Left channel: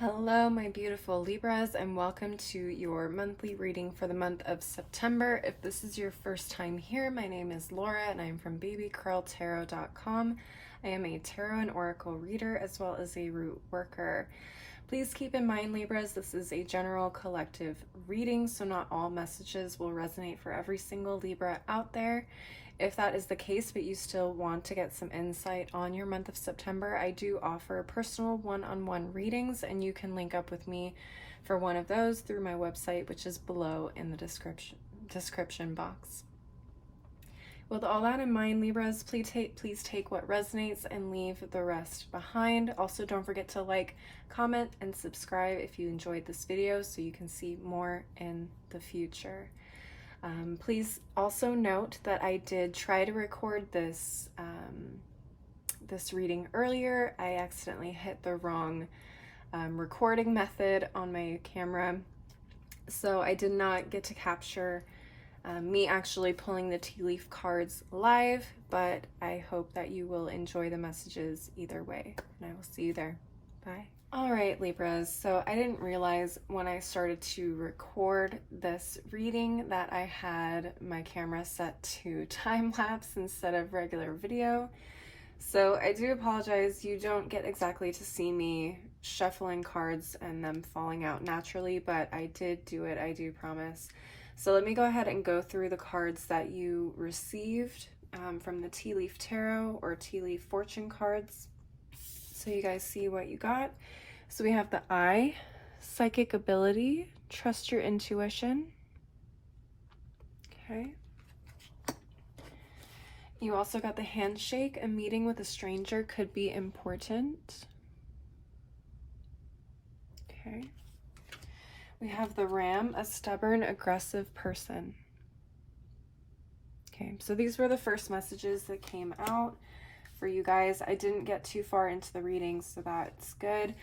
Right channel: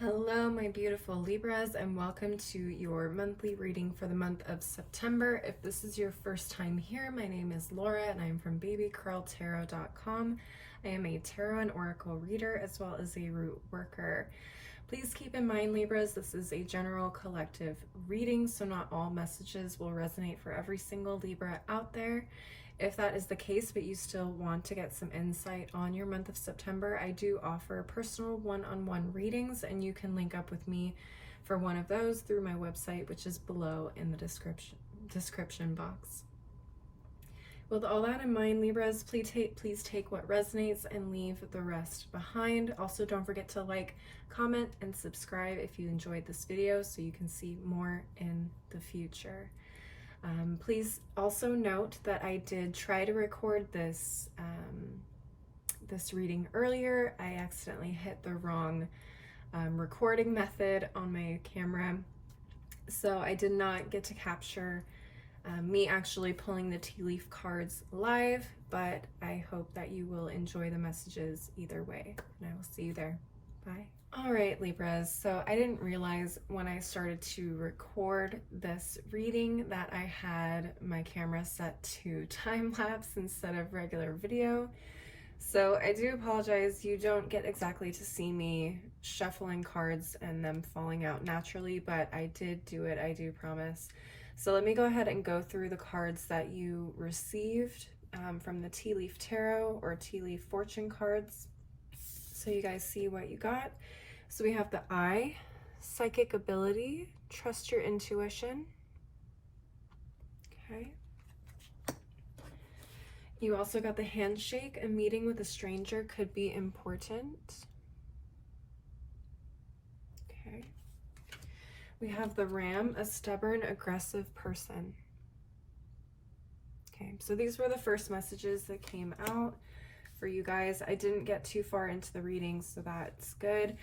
Hello, my beautiful Libras, and welcome to your monthly reading for the month of September. If this is your first time here, my name is Laura and I'm from babycurltarot.com. I am a tarot and oracle reader as well as a root worker. Please keep in mind, Libras, this is a general collective reading, so not all messages will resonate for every single Libra out there. If that is the case, but you still want to get some insight on your month of September, I do offer personal one-on-one readings, and you can link up with me for one of those through my website, which is below in the description box. With all that in mind, Libras, please take what resonates and leave the rest behind. Also, don't forget to like, comment, and subscribe if you enjoyed this video so you can see more in the future. Please also note that I did try to record this reading earlier. I accidentally hit the wrong recording method on my camera, so I did not get to capture me actually pulling the tea leaf cards live, but I hope that you will enjoy the messages either way, and I will see you there. Bye. All right, Libras, so I didn't realize when I started to record this reading that I had my camera set to time-lapse instead of regular video. So I do apologize, you don't get exactly to see me shuffling cards and them falling out naturally, but I did do it, I do promise. So let me go ahead and go through the cards that you received from the Tea Leaf Tarot or Tea Leaf Fortune cards, so you guys see what you got. So we have the I, psychic ability, trust your intuition. Okay. You also got the handshake, a meeting with a stranger could be important. Okay. We have the ram, a stubborn, aggressive person. Okay, so these were the first messages that came out for you guys. I didn't get too far into the reading, so that's good.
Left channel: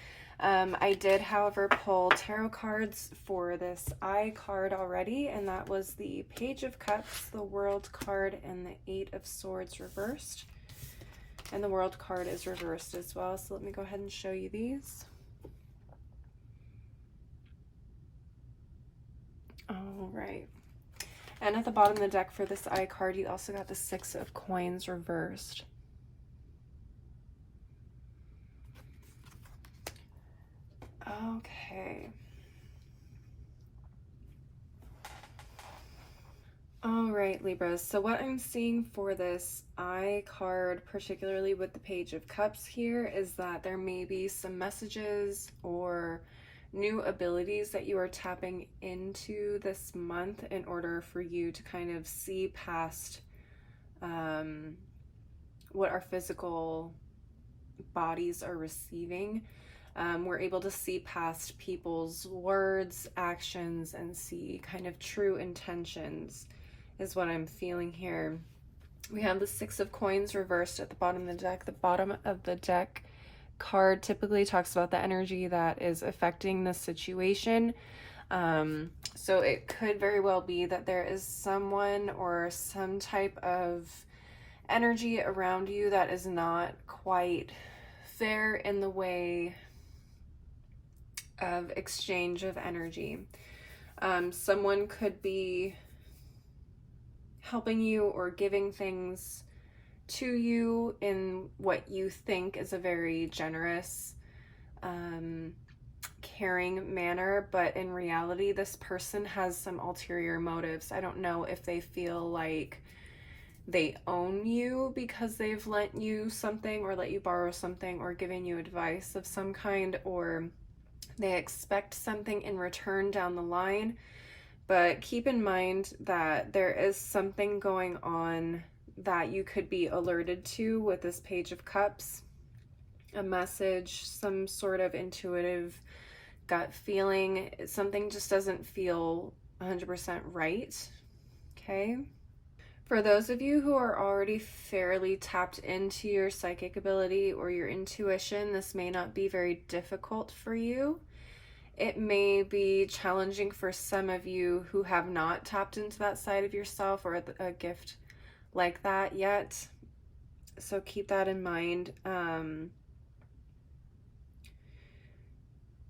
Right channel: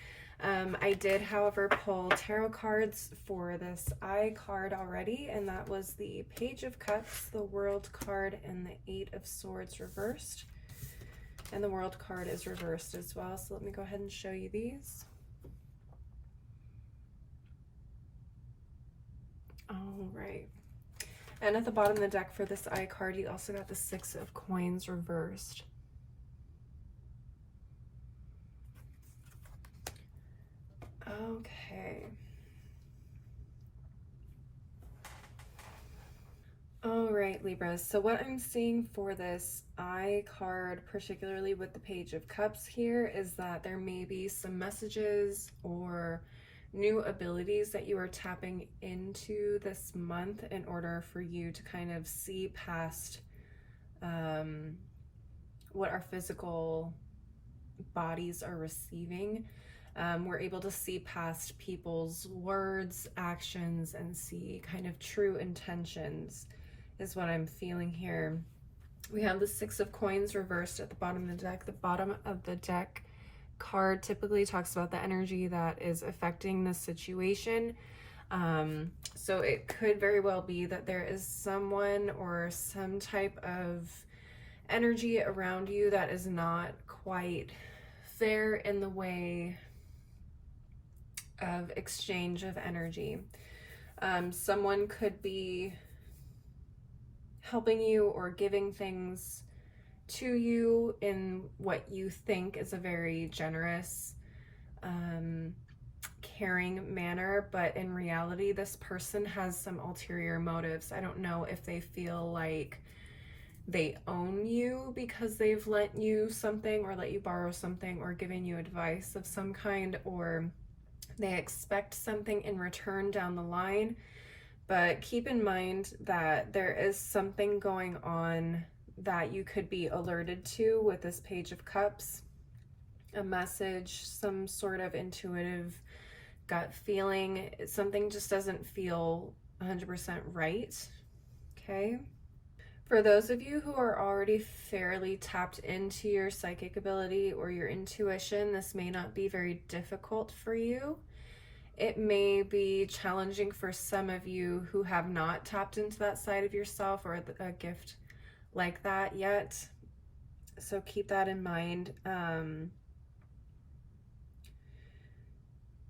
I did, however, pull tarot cards for this I card already, and that was the Page of Cups, the World card, and the Eight of Swords reversed. And the World card is reversed as well, so let me go ahead and show you these. All right. And at the bottom of the deck for this I card, you also got the Six of Coins reversed. Okay. All right, Libras. So what I'm seeing for this I card, particularly with the Page of Cups here, is that there may be some messages or new abilities that you are tapping into this month in order for you to kind of see past what our physical bodies are receiving. We're able to see past people's words, actions, and see kind of true intentions is what I'm feeling here. We have the Six of Coins reversed at the bottom of the deck. The bottom of the deck card typically talks about the energy that is affecting the situation. So it could very well be that there is someone or some type of energy around you that is not quite fair in the way of exchange of energy. Someone could be helping you or giving things to you in what you think is a very generous, caring manner, but in reality this person has some ulterior motives. I don't know if they feel like they own you because they've lent you something or let you borrow something or given you advice of some kind, or they expect something in return down the line. But keep in mind that there is something going on that you could be alerted to with this Page of Cups, a message, some sort of intuitive gut feeling. Something just doesn't feel 100% right. Okay. For those of you who are already fairly tapped into your psychic ability or your intuition, this may not be very difficult for you. It may be challenging for some of you who have not tapped into that side of yourself or a gift like that yet. So keep that in mind.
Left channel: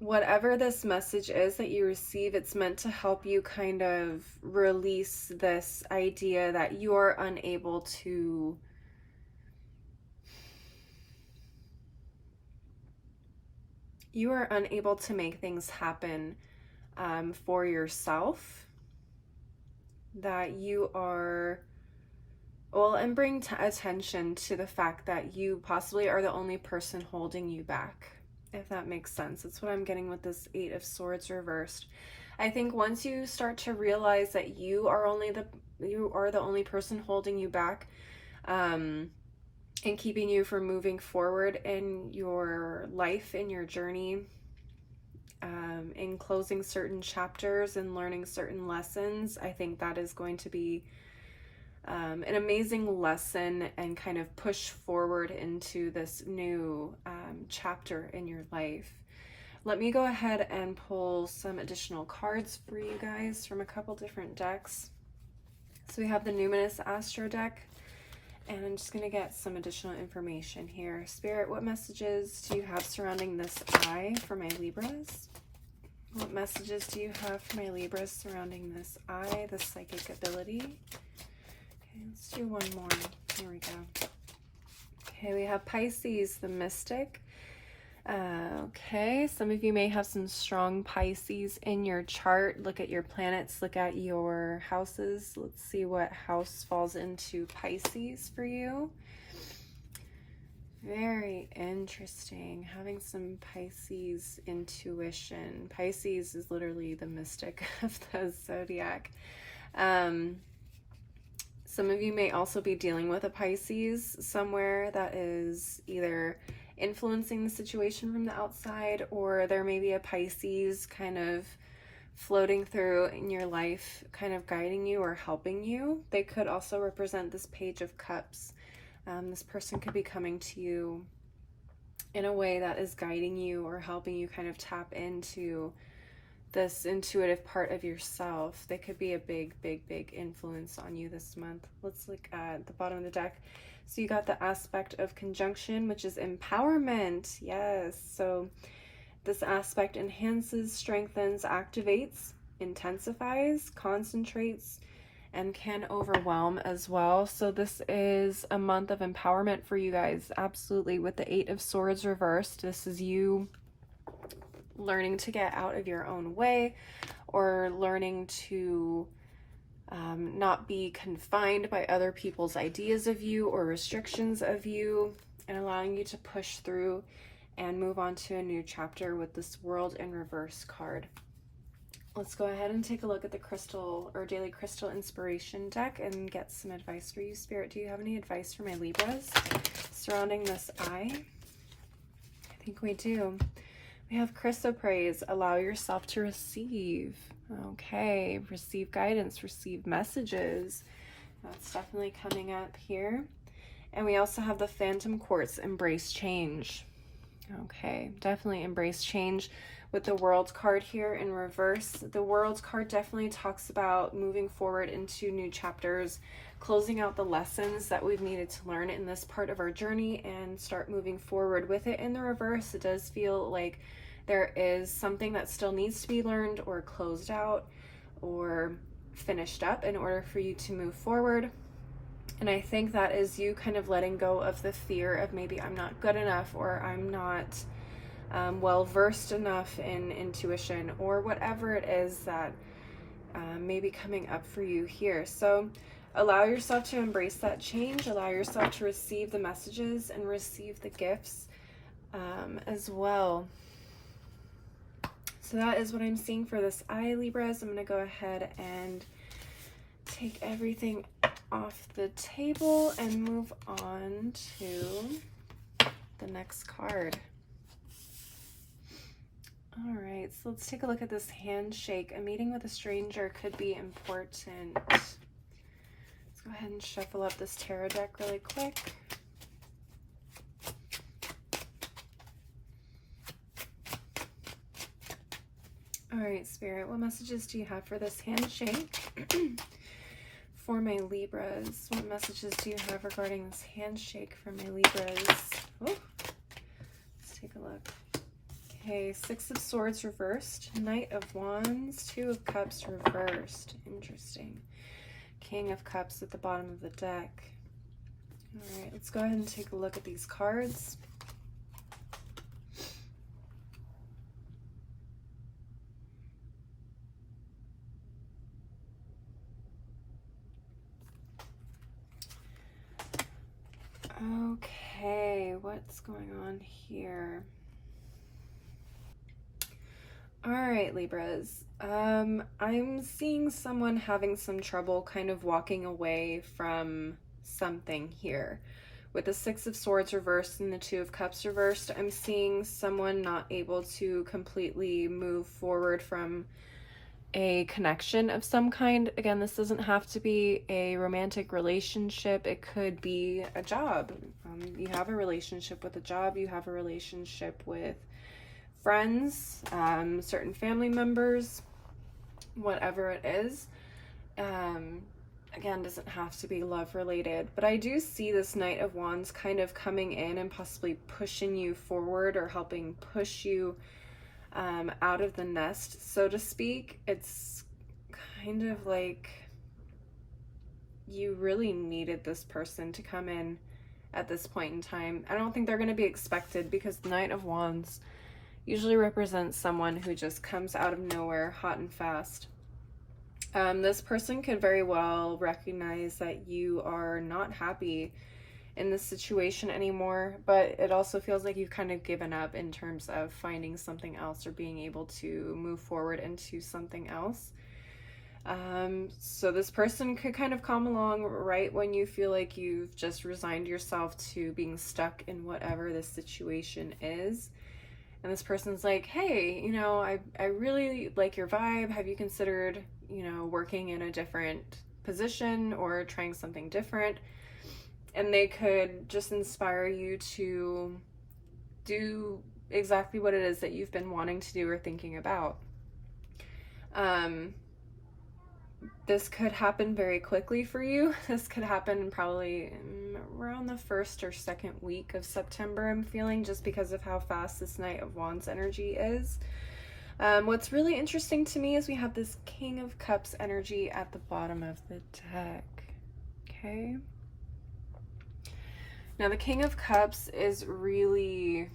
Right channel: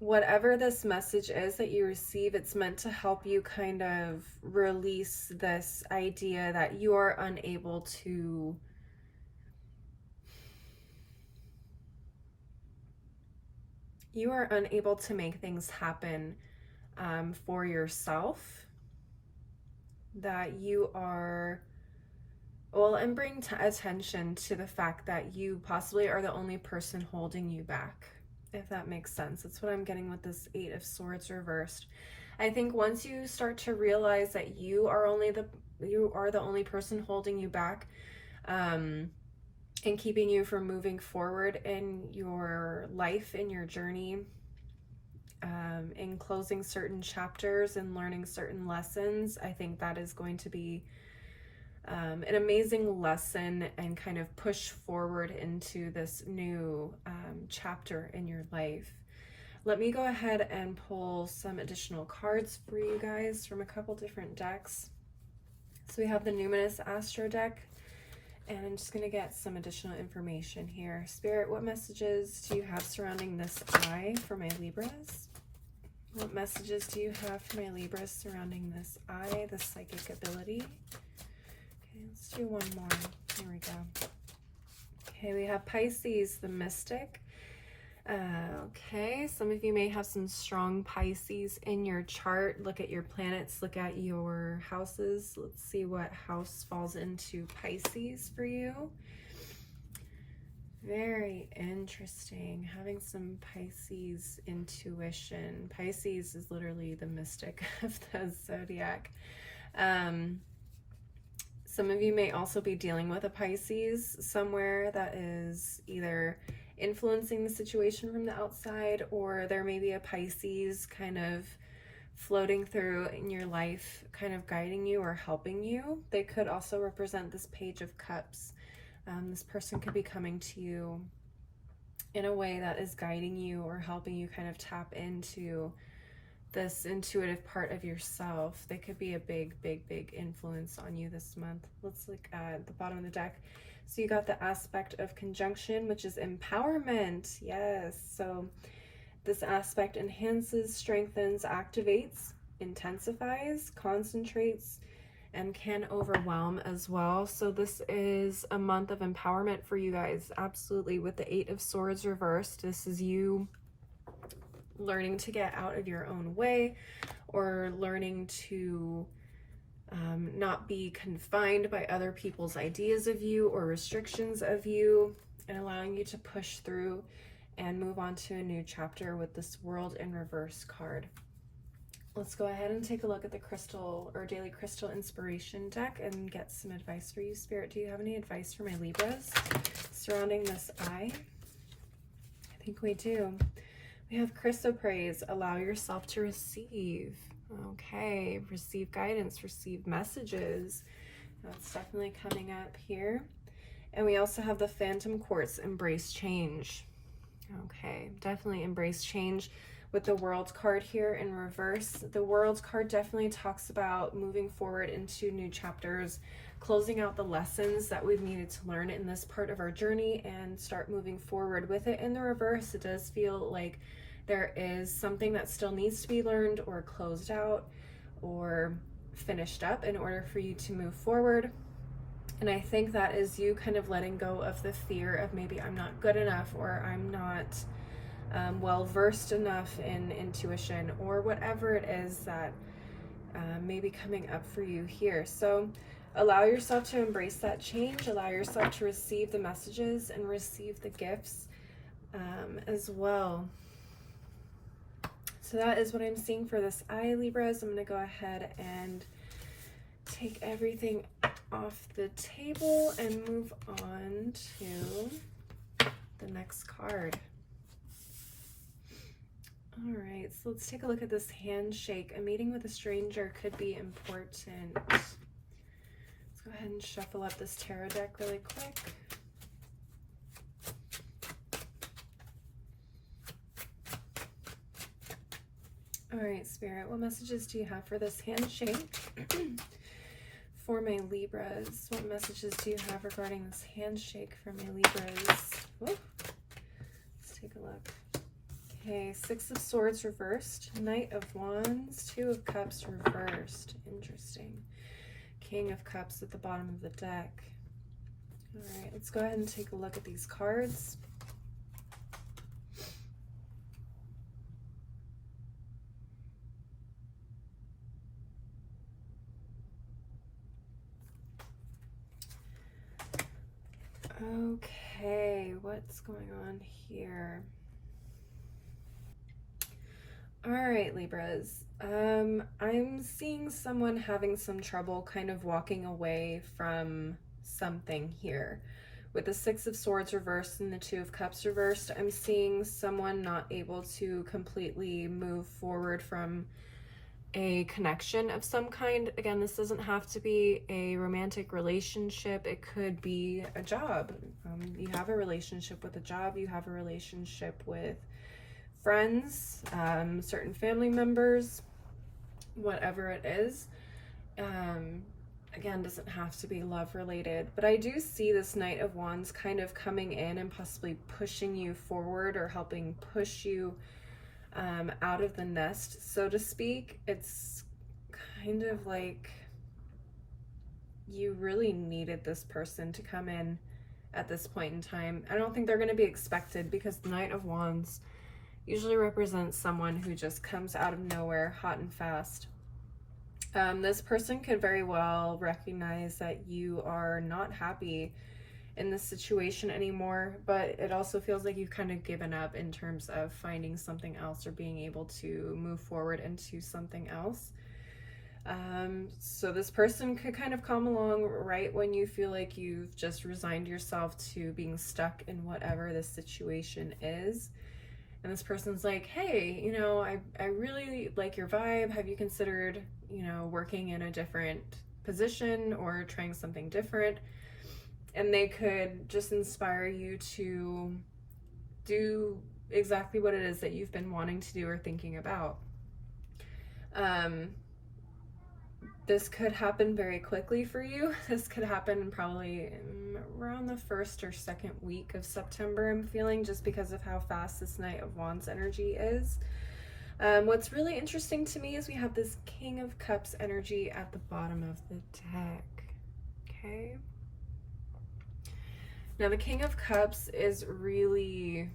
whatever this message is that you receive, it's meant to help you kind of release this idea that you are unable to make things happen for yourself, that you are, well, and bring attention to the fact that you possibly are the only person holding you back, if that makes sense. That's what I'm getting with this 8 of Swords reversed. I think once you start to realize that you are the only person holding you back, and keeping you from moving forward in your life, in your journey, in closing certain chapters and learning certain lessons, I think that is going to be an amazing lesson and kind of push forward into this new chapter in your life. Let me go ahead and pull some additional cards for you guys from a couple different decks. So we have the Numinous Astro deck, and I'm just going to get some additional information here. Spirit, what messages do you have surrounding this eye for my Libras? What messages do you have for my Libras surrounding this eye, the psychic ability? Okay, let's do one more. Here we go. Okay, we have Pisces, the Mystic. Okay, some of you may have some strong Pisces in your chart. Look at your planets, look at your houses. Let's see what house falls into Pisces for you. Very interesting, having some Pisces intuition. Pisces is literally the mystic of the zodiac. Some of you may also be dealing with a Pisces somewhere that is either influencing the situation from the outside, or there may be a Pisces kind of floating through in your life, kind of guiding you or helping you. They could also represent this Page of Cups. This person could be coming to you in a way that is guiding you or helping you kind of tap into this intuitive part of yourself. They could be a big, big, big influence on you this month. Let's look at the bottom of the deck. So you got the aspect of conjunction, which is empowerment. Yes. So this aspect enhances, strengthens, activates, intensifies, concentrates, and can overwhelm as well. So this is a month of empowerment for you guys. Absolutely. With the 8 of Swords reversed, this is you learning to get out of your own way, or learning to not be confined by other people's ideas of you or restrictions of you, and allowing you to push through and move on to a new chapter with this World in Reverse card. Let's go ahead and take a look at the crystal or daily crystal inspiration deck and get some advice for you. Spirit, do you have any advice for my Libras surrounding this eye? I think we do. We have chrysoprase, allow yourself to receive. Okay, receive guidance, receive messages. That's definitely coming up here. And we also have the phantom quartz, embrace change. Okay, definitely embrace change. With the World card here in reverse, the World card definitely talks about moving forward into new chapters, closing out the lessons that we've needed to learn in this part of our journey, and start moving forward. With it in the reverse, it does feel like there is something that still needs to be learned or closed out or finished up in order for you to move forward. And I think that is you kind of letting go of the fear of maybe I'm not good enough, or I'm not well versed enough in intuition, or whatever it is that may be coming up for you here. So allow yourself to embrace that change, allow yourself to receive the messages and receive the gifts as well. So that is what I'm seeing for this eye, Libras. I'm going to go ahead and take everything off the table and move on to the next card. All right, so let's take a look at this handshake. A meeting with a stranger could be important. Let's go ahead and shuffle up this tarot deck really quick. All right, Spirit, what messages do you have for this handshake? For my Libras, what messages do you have regarding this handshake for my Libras? Ooh. Let's take a look. Okay, Six of Swords reversed, Knight of Wands, Two of Cups reversed. Interesting. King of Cups at the bottom of the deck. All right, let's go ahead and take a look at these cards. Okay, what's going on here? All right, Libras. I'm seeing someone having some trouble kind of walking away from something here. With the Six of Swords reversed and the Two of Cups reversed, I'm seeing someone not able to completely move forward from a connection of some kind. Again, this doesn't have to be a romantic relationship. It could be a job. You have a relationship with a job. You have a relationship with friends, certain family members, whatever it is. Again, doesn't have to be love related, but I do see this Knight of Wands kind of coming in and possibly pushing you forward or helping push you out of the nest, so to speak. It's kind of like you really needed this person to come in at this point in time. I don't think they're going to be expected, because the Knight of Wands usually represents someone who just comes out of nowhere hot and fast. This person could very well recognize that you are not happy in this situation anymore, but it also feels like you've kind of given up in terms of finding something else or being able to move forward into something else. So this person could kind of come along right when you feel like you've just resigned yourself to being stuck in whatever this situation is. And this person's like, hey, you know, I really like your vibe. Have you considered, you know, working in a different position or trying something different? And they could just inspire you to do exactly what it is that you've been wanting to do or thinking about. This could happen very quickly for you. This could happen probably around the first or second week of September, I'm feeling, just because of how fast this Knight of Wands energy is. What's really interesting to me is we have this King of Cups energy at the bottom of the deck. Okay. Now, the King of Cups is really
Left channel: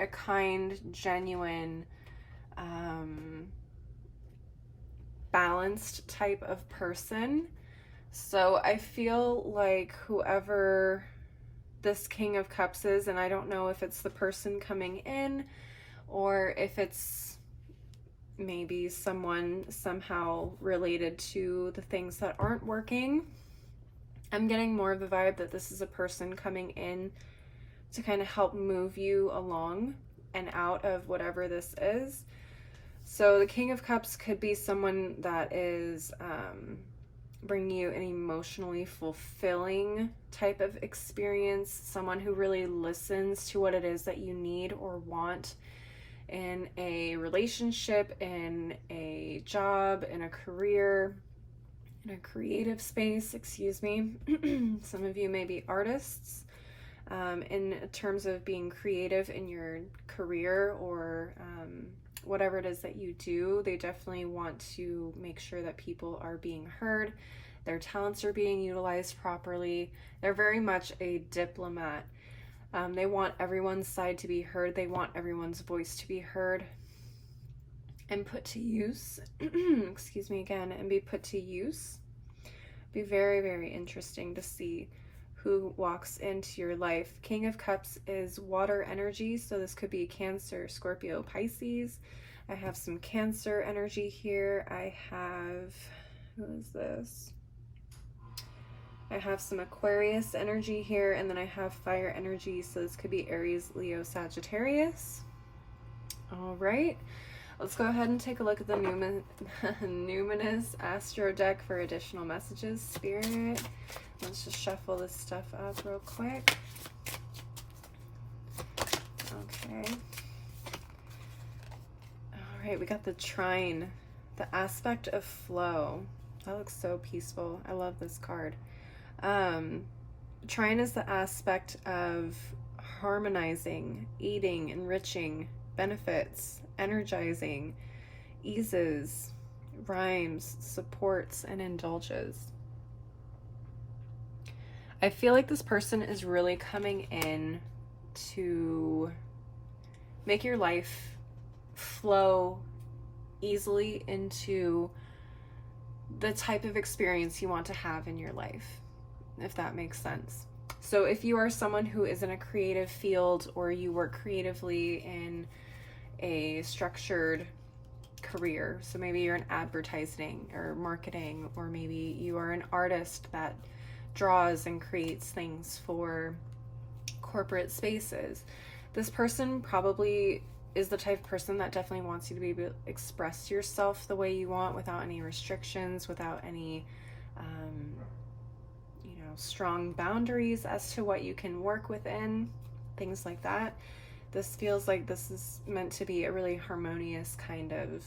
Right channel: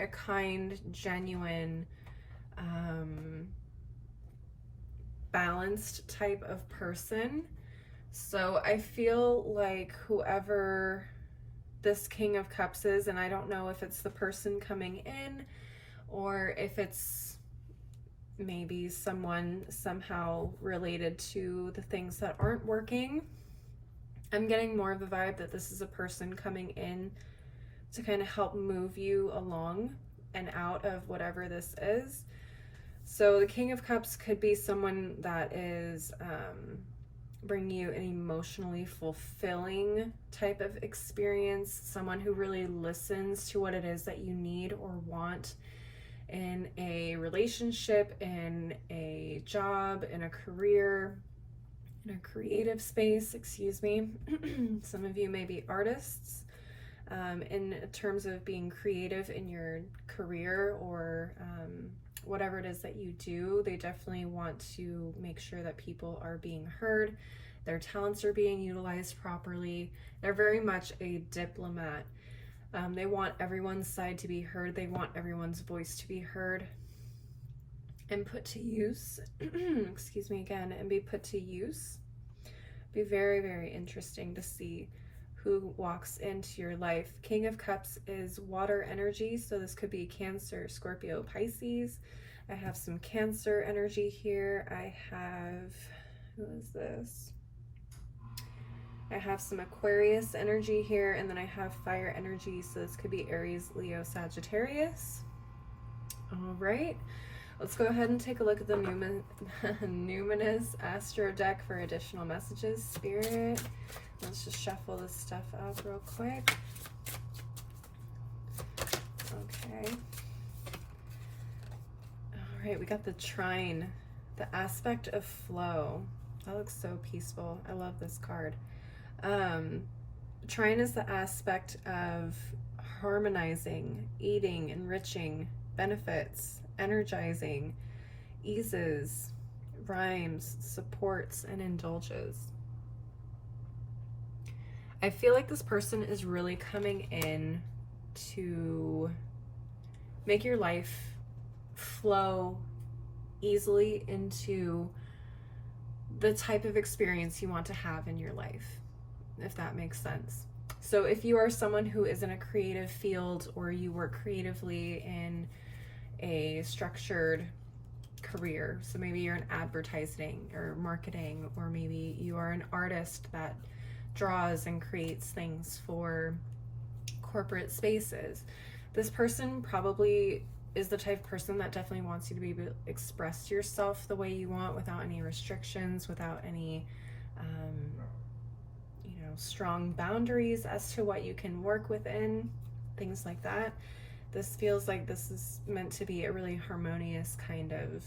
a kind, genuine, balanced type of person. So I feel like whoever this King of Cups is, and I don't know if it's the person coming in or if it's maybe someone somehow related to the things that aren't working. I'm getting more of the vibe that this is a person coming in to kind of help move you along and out of whatever this is. So the King of Cups could be someone that is bringing you an emotionally fulfilling type of experience, someone who really listens to what it is that you need or want in a relationship, in a job, in a career, in a creative space, excuse me. Some of you may be artists. In terms of being creative in your career or whatever it is that you do, they definitely want to make sure that people are being heard, their talents are being utilized properly. They're very much a diplomat. They want everyone's side to be heard. They want everyone's voice to be heard and put to use. Excuse me again, and be put to use. Be very, very interesting to see who walks into your life. King of Cups is water energy, so this could be Cancer, Scorpio, Pisces. I have some Cancer energy here. I have, who is this? I have some Aquarius energy here, and then I have fire energy, so this could be Aries, Leo, Sagittarius. All right, let's go ahead and take a look at the Numinous Astro deck for additional messages. Spirit, let's just shuffle this stuff up real quick. Okay. All right, we got the Trine, the aspect of flow. That looks so peaceful. I love this card. Trine is the aspect of harmonizing, eating, enriching, benefits, energizing, eases, rhymes, supports, and indulges. I feel like this person is really coming in to make your life flow easily into the type of experience you want to have in your life, if that makes sense. So if you are someone who is in a creative field, or you work creatively in a structured career, so maybe you're in advertising or marketing, or maybe you are an artist that draws and creates things for corporate spaces, this person probably is the type of person that definitely wants you to be able to express yourself the way you want, without any restrictions, without any strong boundaries as to what you can work within, things like that. This feels like this is meant to be a really harmonious kind of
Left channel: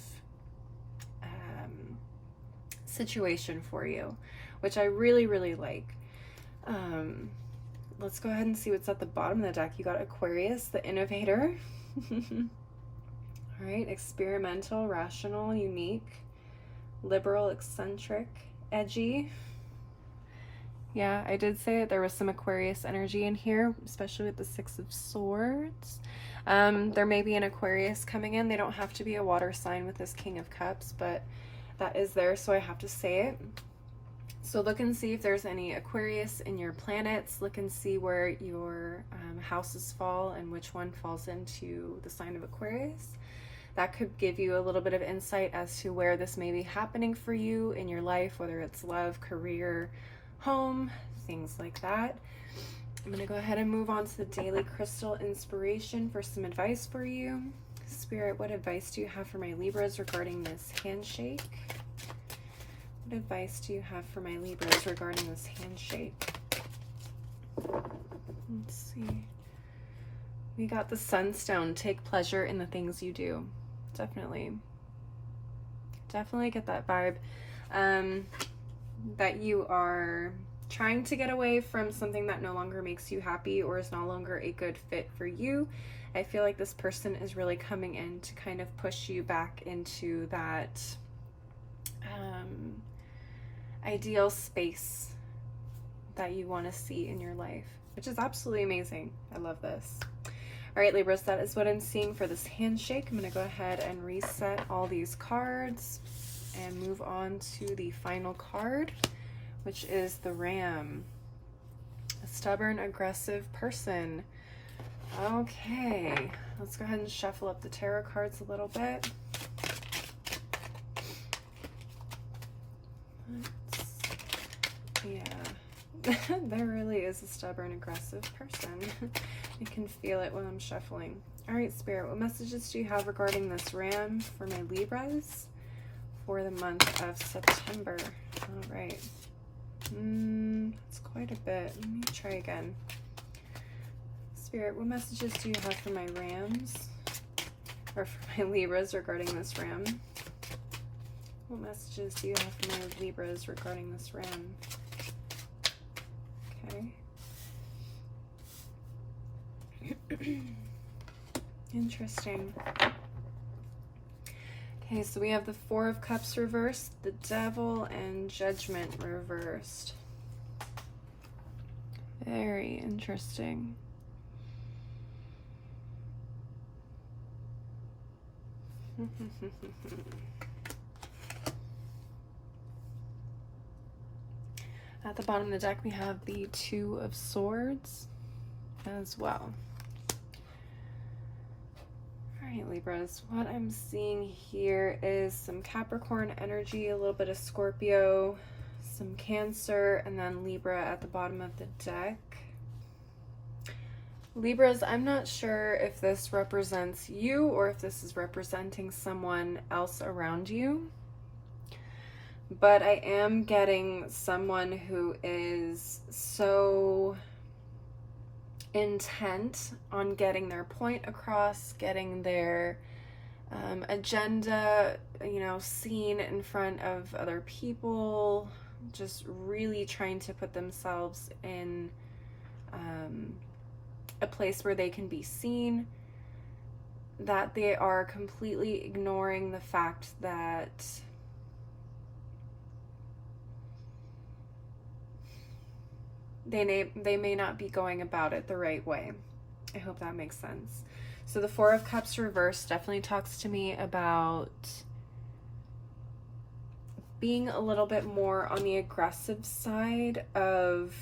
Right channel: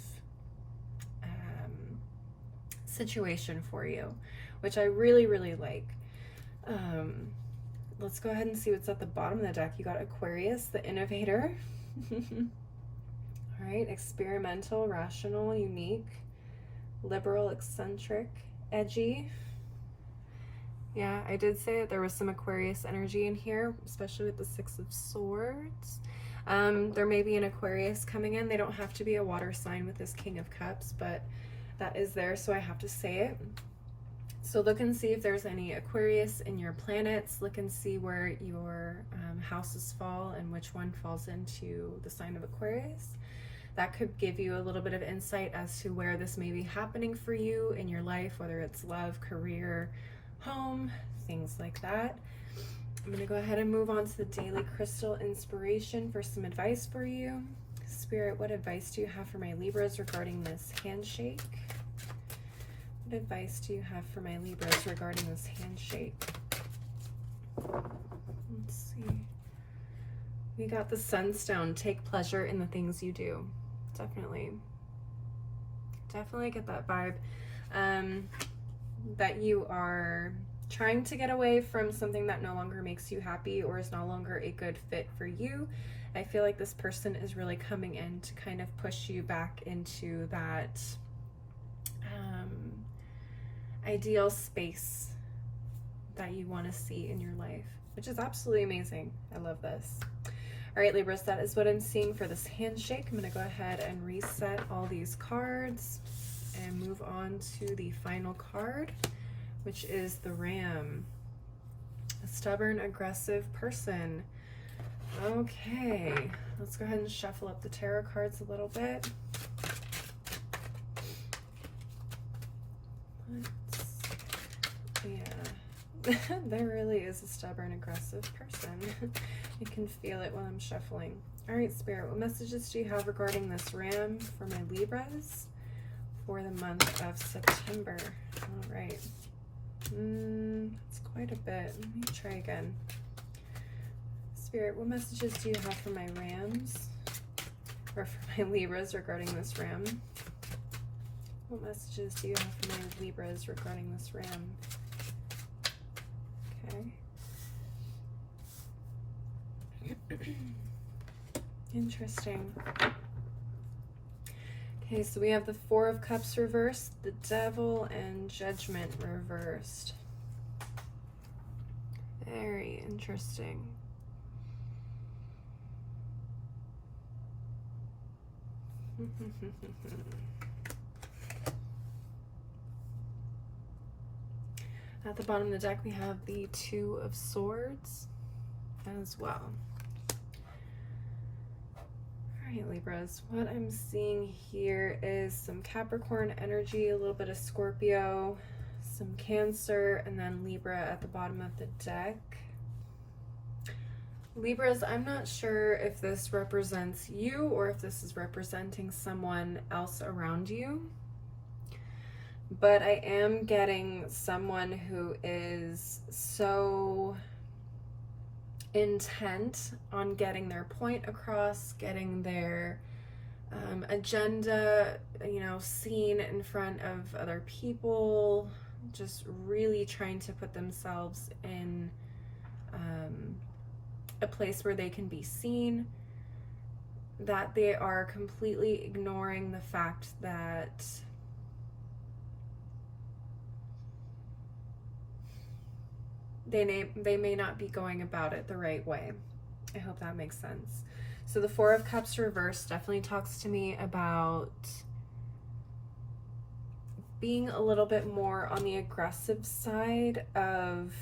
situation for you, which I really, really like. Let's go ahead and see what's at the bottom of the deck. You got Aquarius, the innovator. All right, experimental, rational, unique, liberal, eccentric, edgy. Yeah, I did say that there was some Aquarius energy in here, especially with the Six of Swords. There may be an Aquarius coming in. They don't have to be a water sign with this King of Cups, but that is there, so I have to say it. So look and see if there's any Aquarius in your planets. Look and see where your houses fall and which one falls into the sign of Aquarius. That could give you a little bit of insight as to where this may be happening for you in your life, whether it's love, career, home, things like that. I'm going to go ahead and move on to the daily crystal inspiration for some advice for you. Spirit, what advice do you have for my Libras regarding this handshake? What advice do you have for my Libras regarding this handshake? Let's see. We got the Sunstone. Take pleasure in the things you do. Definitely get that vibe. That you are trying to get away from something that no longer makes you happy or is no longer a good fit for you. I feel like this person is really coming in to kind of push you back into that ideal space that you want to see in your life, which is absolutely amazing. I love this. All right, Libras, that is what I'm seeing for this handshake. I'm going to go ahead and reset all these cards and move on to the final card, which is the Ram. A stubborn, aggressive person. Okay, let's go ahead and shuffle up the tarot cards a little bit. Yeah, there really is a stubborn, aggressive person. You can feel it while I'm shuffling. All right, Spirit, what messages do you have regarding this Ram for my Libras for the month of September? All right. That's quite a bit. Let me try again. Spirit, what messages do you have for my Rams? Or for my Libras regarding this Ram? What messages do you have for my Libras regarding this Ram? Okay. Interesting. Okay, so we have the Four of Cups reversed, the Devil, and Judgment reversed. Very interesting. At the bottom of the deck, we have the Two of Swords as well. All right, Libras, what I'm seeing here is some Capricorn energy, a little bit of Scorpio, some Cancer, and then Libra at the bottom of the deck. Libras, I'm not sure if this represents you or if this is representing someone else around you, but I am getting someone who is so intent on getting their point across, getting their agenda, seen in front of other people, just really trying to put themselves in a place where they can be seen, that they are completely ignoring the fact that they may not be going about it the right way. I hope that makes sense. So the Four of Cups reverse definitely talks to me about being a little bit more on the aggressive side of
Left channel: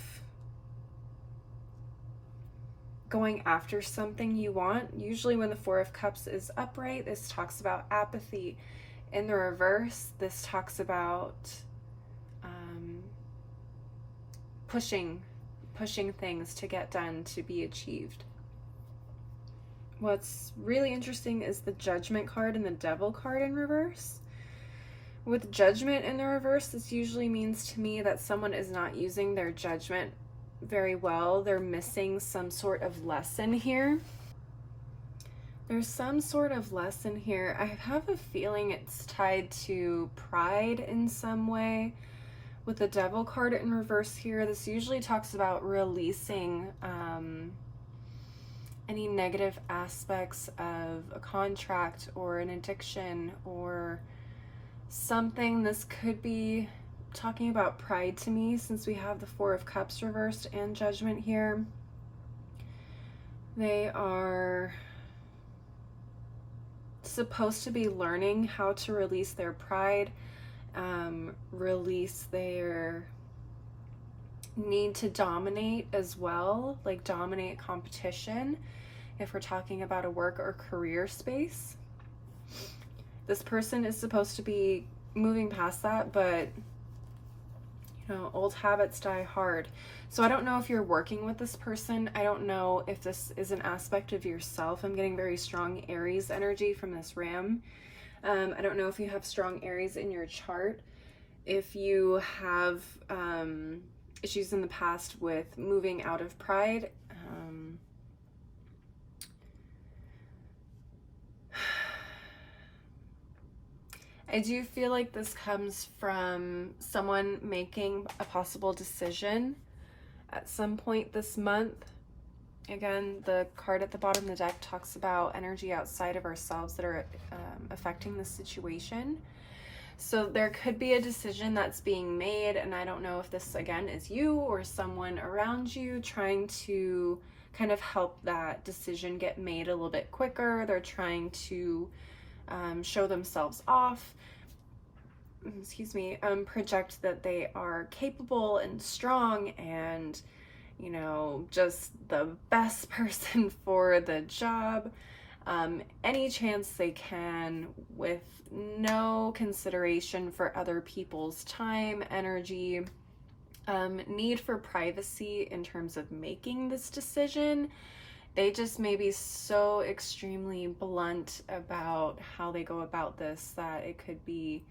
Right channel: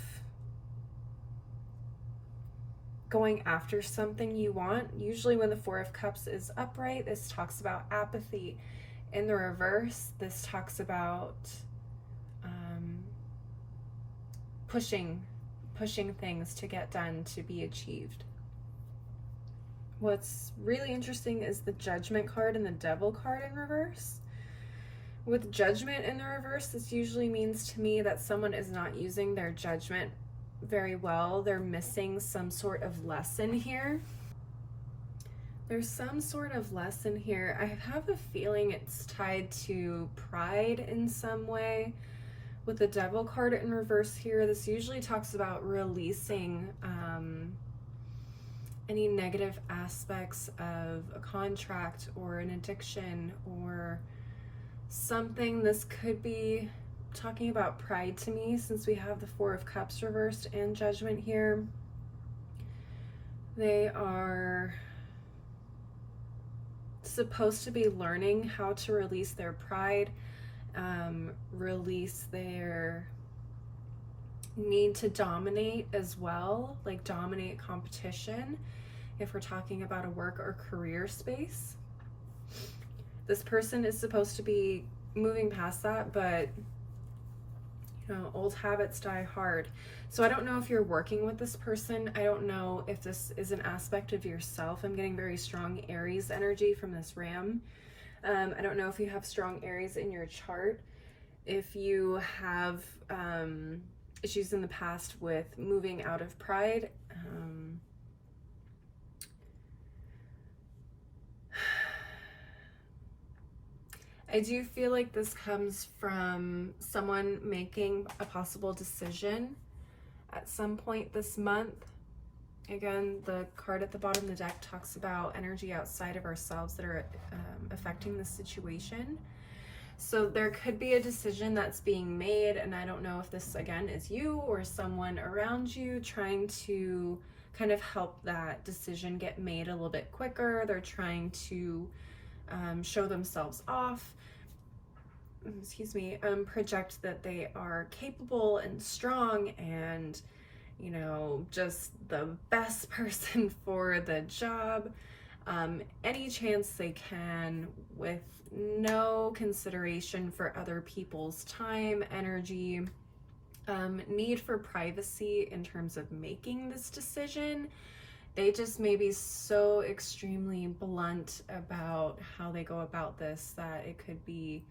going after something you want. Usually when the Four of Cups is upright, this talks about apathy. In the reverse, this talks about pushing things to get done, to be achieved. What's really interesting is the Judgment card and the Devil card in reverse. With Judgment in the reverse, this usually means to me that someone is not using their judgment very well. They're missing some sort of lesson here. There's some sort of lesson here. I have a feeling it's tied to pride in some way. With the Devil card in reverse here, this usually talks about releasing any negative aspects of a contract or an addiction or something. This could be talking about pride to me, since we have the Four of Cups reversed and Judgment here. They are supposed to be learning how to release their pride, release their need to dominate as well, like dominate competition, if we're talking about a work or career space. This person is supposed to be moving past that, but you know, old habits die hard. So I don't know if you're working with this person. I don't know if this is an aspect of yourself. I'm getting very strong Aries energy from this ram. I don't know if you have strong Aries in your chart. If you have issues in the past with moving out of pride, I do feel like this comes from someone making a possible decision at some point this month. Again, the card at the bottom of the deck talks about energy outside of ourselves that are affecting the situation. So there could be a decision that's being made, and I don't know if this, again, is you or someone around you trying to kind of help that decision get made a little bit quicker. They're trying to show themselves off, project that they are capable and strong and, you know, just the best person for the job, any chance they can, with no consideration for other people's time, energy, need for privacy in terms of making this decision. They just may be so extremely blunt about how they go about this that it could be,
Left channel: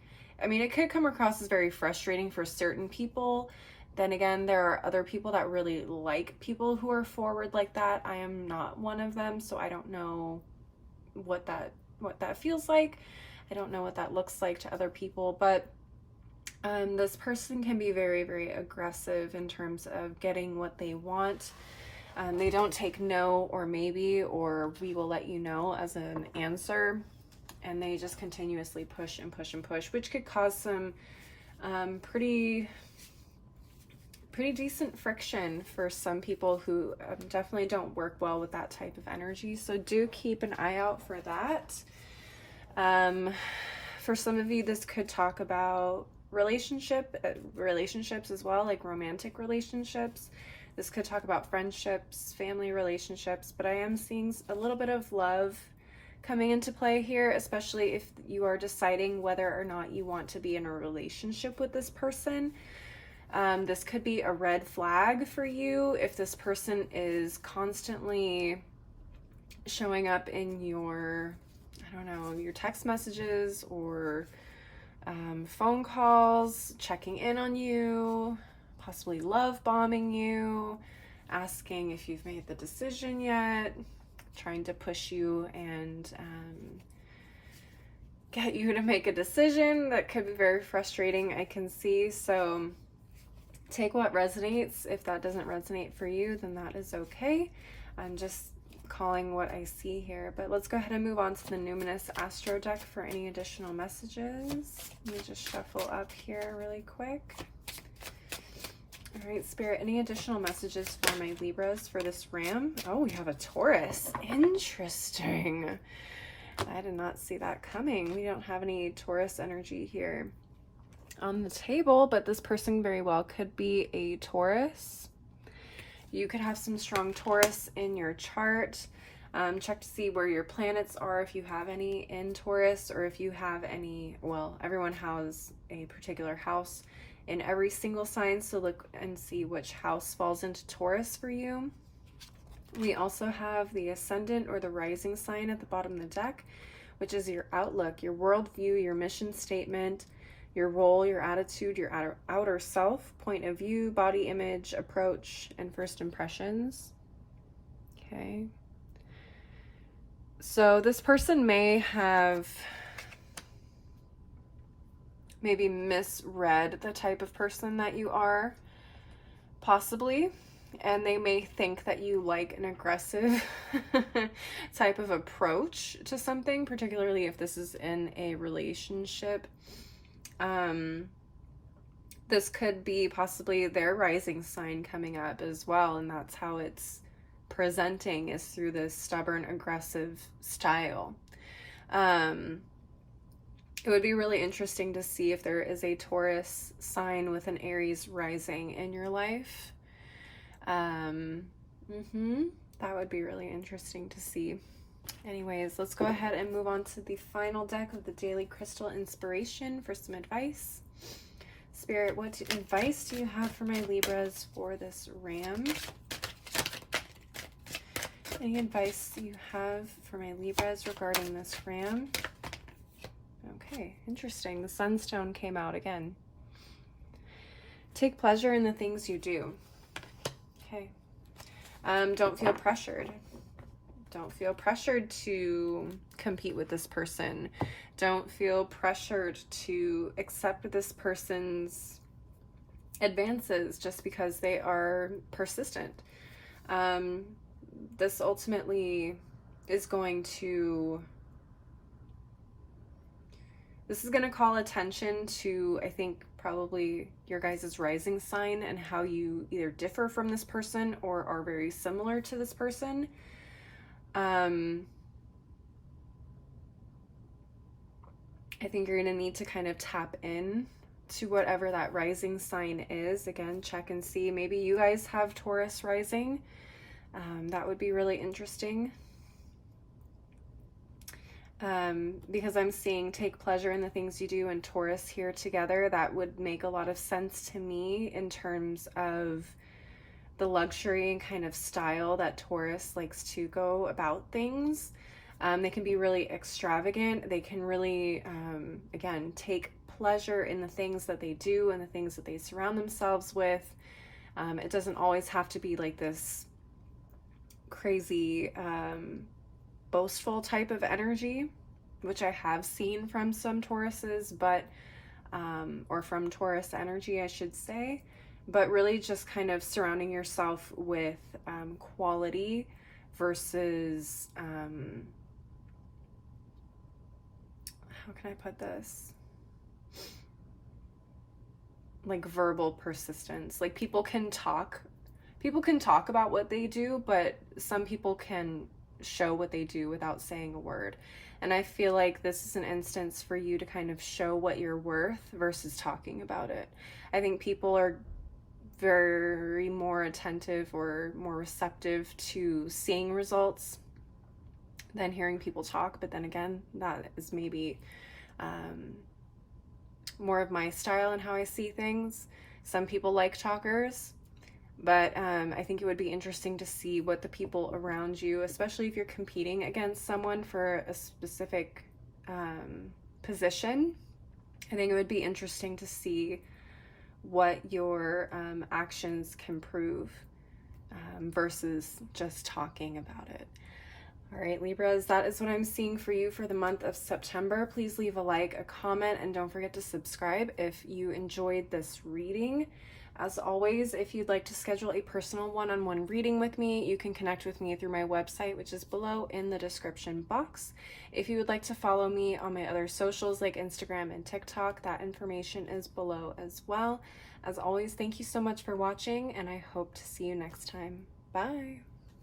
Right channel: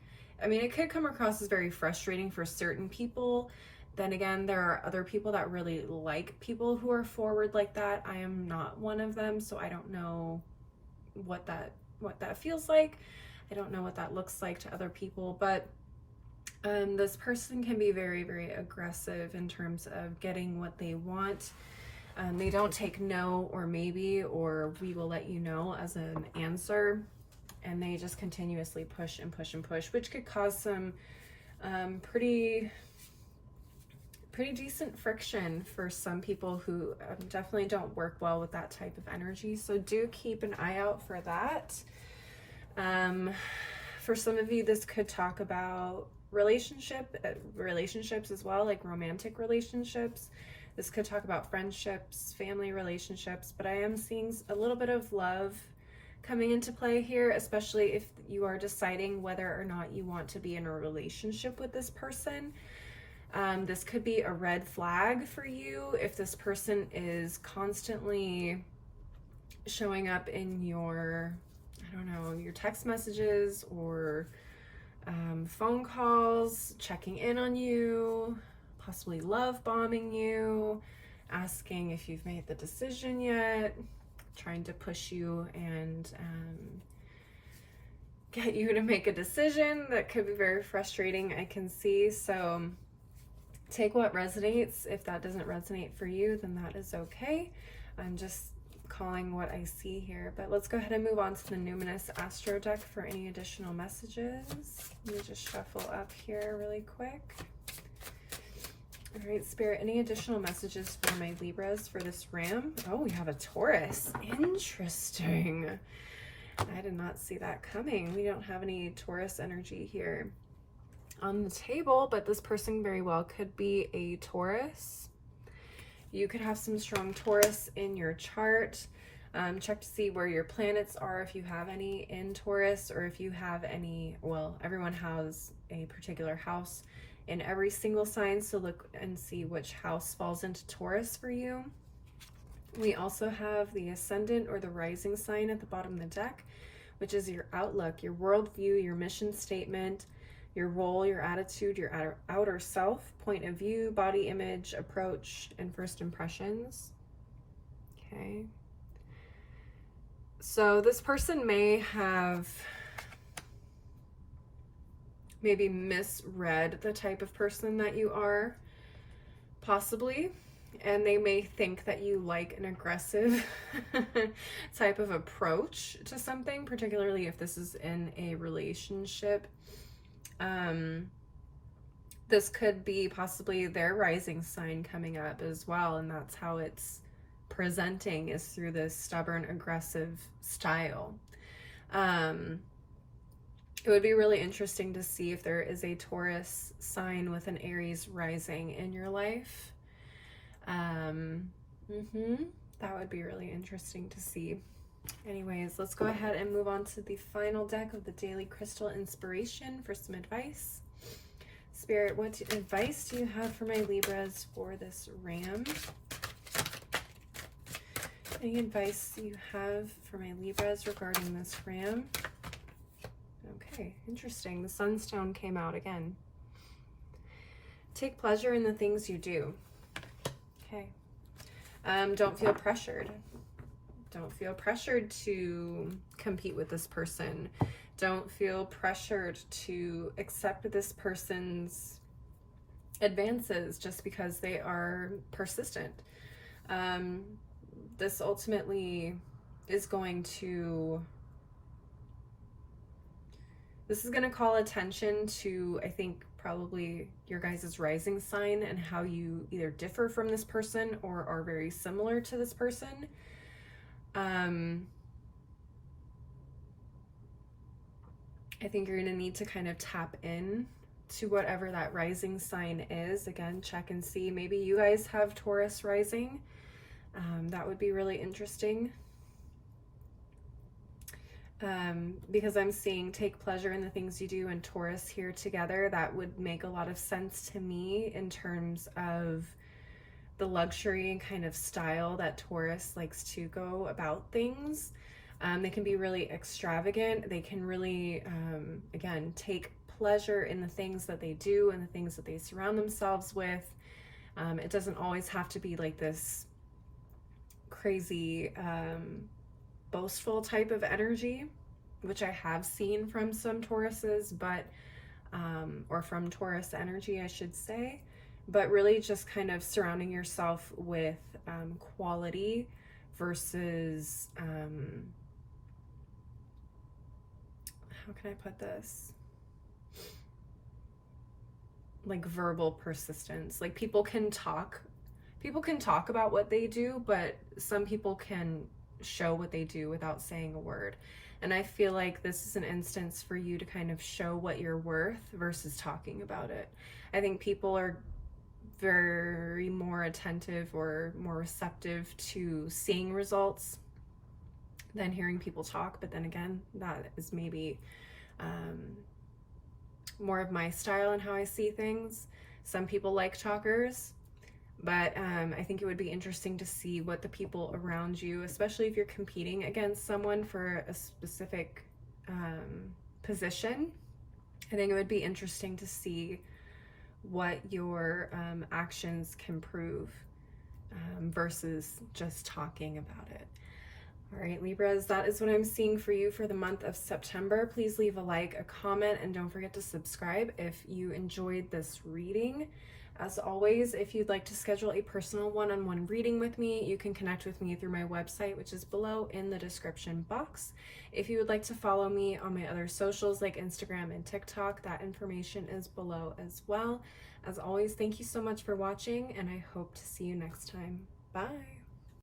I mean, it could come across as very frustrating for certain people. Then again, there are other people that really like people who are forward like that. I am not one of them, so I don't know what that feels like. I don't know what that looks like to other people, but this person can be very, very aggressive in terms of getting what they want. They don't take no or maybe or we will let you know as an answer, and they just continuously push and push and push, which could cause some pretty decent friction for some people who definitely don't work well with that type of energy. So do keep an eye out for that. For some of you, this could talk about relationships as well, like romantic relationships. This could talk about friendships, family relationships, but I am seeing a little bit of love coming into play here, especially if you are deciding whether or not you want to be in a relationship with this person. This could be a red flag for you if this person is constantly showing up in your, I don't know, your text messages or phone calls, checking in on you, possibly love bombing you, asking if you've made the decision yet, trying to push you and get you to make a decision. That could be very frustrating, I can see. So take what resonates. If that doesn't resonate for you, then that is okay. I'm just calling what I see here, but let's go ahead and move on to the Numinous Astro deck for any additional messages. Let me just shuffle up here really quick. All right, Spirit, any additional messages for my Libras for this Ram? Oh, we have a Taurus. Interesting. I did not see that coming. We don't have any Taurus energy here on the table, but this person very well could be a Taurus. You could have some strong Taurus in your chart. Check to see where your planets are, if you have any in Taurus, or if you have any, well, everyone has a particular house in every single sign, so look and see which house falls into Taurus for you. We also have the Ascendant or the Rising sign at the bottom of the deck, which is your outlook, your worldview, your mission statement, your role, your attitude, your outer self, point of view, body image, approach, and first impressions. Okay. So this person may have maybe misread the type of person that you are, possibly, and they may think that you like an aggressive type of approach to something, particularly if this is in a relationship. This could be possibly their rising sign coming up as well, and that's how it's presenting, is through this stubborn, aggressive style. It would be really interesting to see if there is a Taurus sign with an Aries rising in your life. That would be really interesting to see. Anyways, let's go ahead and move on to the final deck of the Daily Crystal Inspiration for some advice. Spirit, what advice do you have for my Libras for this Ram? Any advice you have for my Libras regarding this Ram? Okay, interesting. The Sunstone came out again. Take pleasure in the things you do. Okay. Don't feel pressured. Don't feel pressured to compete with this person. Don't feel pressured to accept this person's advances just because they are persistent. This ultimately is going to call attention to, I think, probably your guys' rising sign and how you either differ from this person or are very similar to this person. I think you're going to need to kind of tap in to whatever that rising sign is. Again, check and see. Maybe you guys have Taurus rising. That would be really interesting. Because I'm seeing take pleasure in the things you do and Taurus here together. That would make a lot of sense to me in terms of the luxury and kind of style that Taurus likes to go about things. They can be really extravagant. They can really, again, take pleasure in the things that they do and the things that they surround themselves with. It doesn't always have to be like this crazy, boastful type of energy, which I have seen from some Tauruses, but, or from Taurus energy, I should say, but really just kind of surrounding yourself with quality versus, how can I put this? Like verbal persistence. Like people can talk about what they do, but some people can show what they do without saying a word. And I feel like this is an instance for you to kind of show what you're worth versus talking about it. I think people are very more attentive or more receptive to seeing results than hearing people talk. But then again, that is maybe more of my style and how I see things. Some people like talkers, but I think it would be interesting to see what the people around you, especially if you're competing against someone for a specific position, I think it would be interesting to see what your actions can prove versus just talking about it. All right, Libras, that is what I'm seeing for you for the month of September. Please leave a like, a comment, and don't forget to subscribe if you enjoyed this reading. As always, if you'd like to schedule a personal one-on-one reading with me, you can connect with me through my website, which is below in the description box. If you would like to follow me on my other socials like Instagram and TikTok, that information is below as well. As always, thank you so much for watching, and I hope to see you next time. Bye!